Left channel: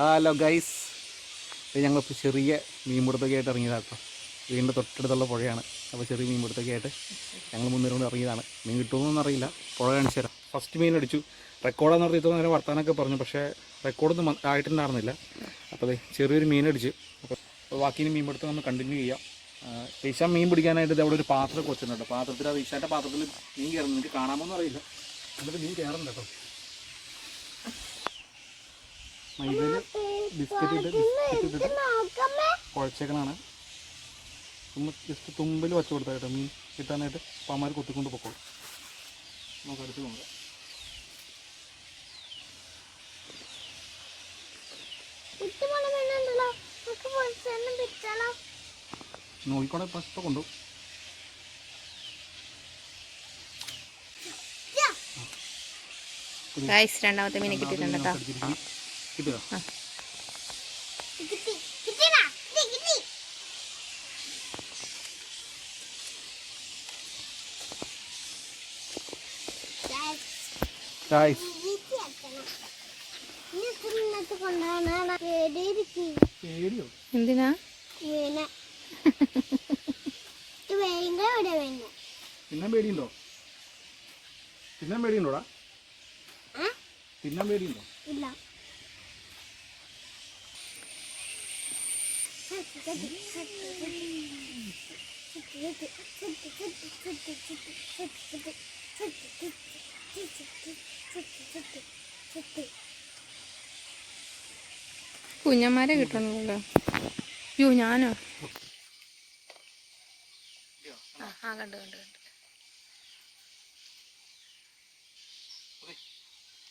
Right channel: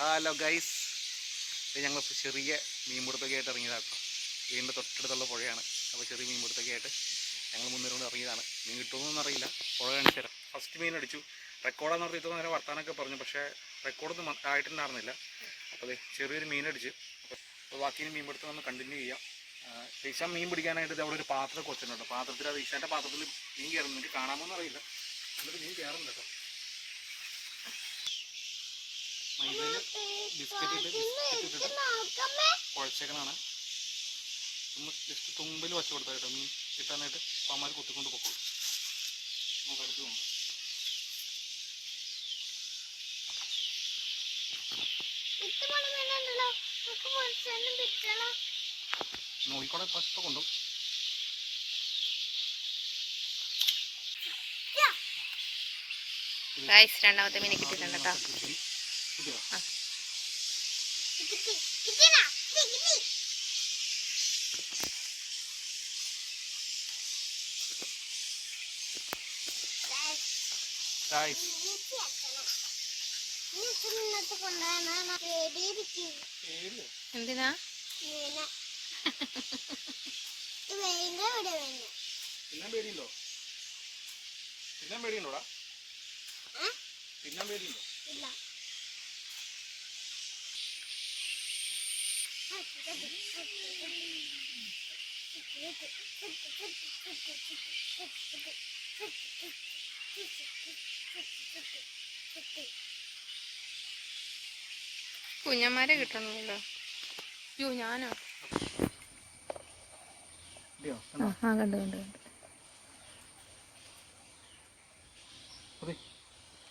Hello guys, ഇത് ഞങ്ങളിപ്പോൾ ചെറിയ മീൻപിടുത്തൊക്കെ ആയിട്ട് ഇറങ്ങിയതാണ് കേട്ടോ. വീടിൻ്റെ തൊട്ടടുത്തുള്ള പുഴയാണ്. അപ്പോൾ ചെറിയ മീൻപിടുത്തൊക്കെ ആയിട്ട് ഞങ്ങൾ മുന്നേറുകൊണ്ട് ഇറങ്ങിയതാണ്. മീൻ കിട്ടുമെന്നൊന്നും അറിയില്ല, പുഴ കാണിച്ചു തരാം. ഫസ്റ്റ് മീൻ അടിച്ചു. റെക്കോർഡെന്ന് പറഞ്ഞാൽ ഇത്ര നേരം വർത്താനൊക്കെ പറഞ്ഞു, പക്ഷേ റെക്കോർഡൊന്നും ആയിട്ടുണ്ടായിരുന്നില്ല. അപ്പോൾ അത് ചെറിയൊരു മീൻ അടിച്ച്. അപ്പോൾ ബാക്കി മീൻ പിടുത്തം ഒന്ന് കണ്ടിന്യൂ ചെയ്യാം. റീശാൻ മീൻ പിടിക്കാനായിട്ട് ഇത് അവിടെ ഒരു പാത്രമൊക്കെ വെച്ചിട്ടുണ്ട്. പാത്രത്തിൽ ആ റീശാൻ്റെ പാത്രത്തിൽ മീൻ കയറുന്നു. എനിക്ക് കാണാമെന്ന് അറിയില്ല, എന്നിട്ട് മീൻ കയറുന്നുണ്ട് കേട്ടോ. മൈദയിൽ ബിസ്ക്കറ്റ് ഇട്ടിട്ട് കുഴച്ചേക്കനാണ്. ജസ്റ്റ് തുമ്പിൽ വച്ച് കൊടുത്താൽ കേട്ടോ മീൻ കിട്ടാനായിട്ട്. പാമാർ കുത്തിക്കൊണ്ട് പൊക്കോളൂ. നമുക്ക് അടുത്ത് നോക്കാം. നോക്കിക്കോടെ പ്രശ്നം കൊണ്ടു. രണ്ടാമത്തെ മീനെ കിട്ടിയിട്ടുണ്ട് കേട്ടോ. എന്തിനാ തിന്നാൻ പേടിയുണ്ടോ? തിന്നാൻ പേടിയുണ്ടോടാ? തിന്നാൻ പേടിയുണ്ടോ? ഇല്ല. കുഞ്ഞന്മാരെ കിട്ടണല്ലോ. യോ ഞാനോ? ആ കണ്ടു കണ്ടു കണ്ടു.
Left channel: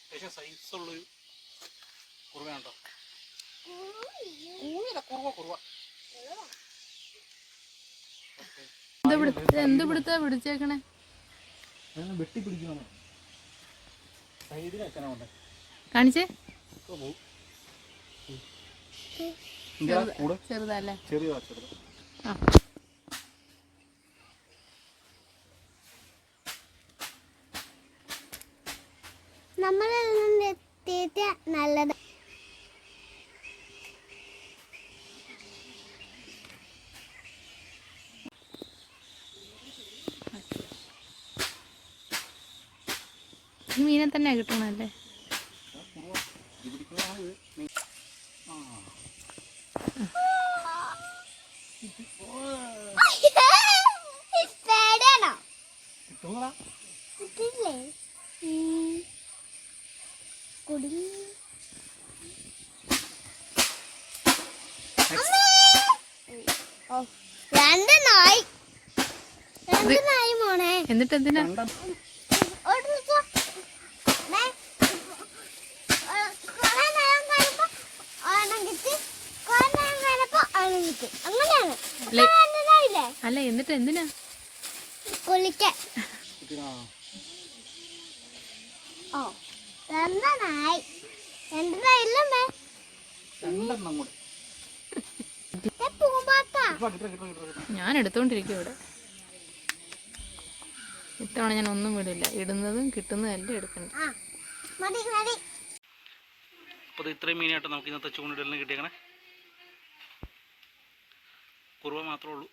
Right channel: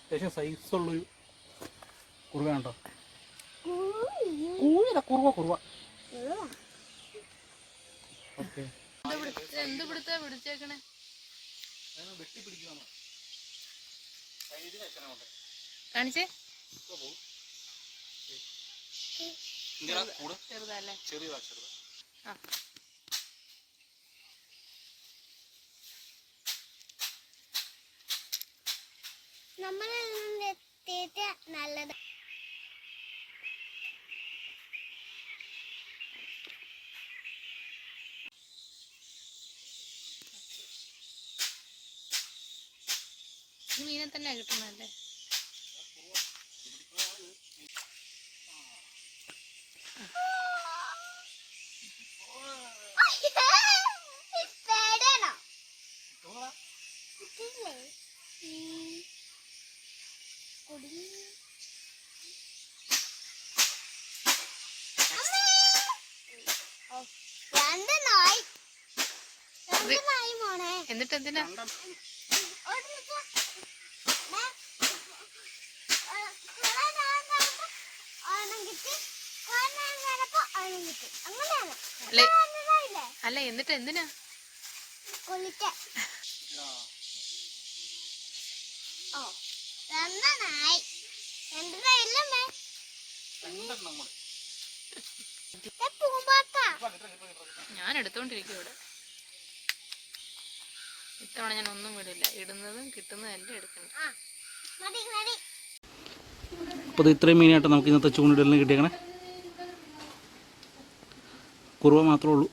അത്യാവശ്യം സൈസുള്ളൊരു കുറുവാണ് കേട്ടോ. കുറുവ. എന്ത് പിടുത്താ പിടിച്ചേക്കണേ? വെട്ടി പിടിക്കണം. കാണിച്ചേ. ചെറുതല്ലേ? ചെറിയതാ. നമ്മളെത്തിയിട്ട് നല്ലത്. മീനെ തന്നെ കിട്ടണല്ലേ? എന്നിട്ട് എന്തിനാ അല്ല, എന്നിട്ട് എന്തിനാ കുളിക്കാൻ? ഞാൻ എടുത്തോണ്ടിരിക്കും ഇവിടെ. ഇത്തവണ ഞാൻ ഒന്നും വിടില്ല. ഇടുന്നതും കിട്ടുന്നതും എല്ലാം എടുക്കണ്ട. അപ്പോൾ ഇത് ഇത്രയും മീനായിട്ട് നമുക്ക് ഇന്നത്തെ ചൂണ്ടിടലിന് കിട്ടിയേക്കണേ. കുറുവ മാത്രമേ ഉള്ളൂ.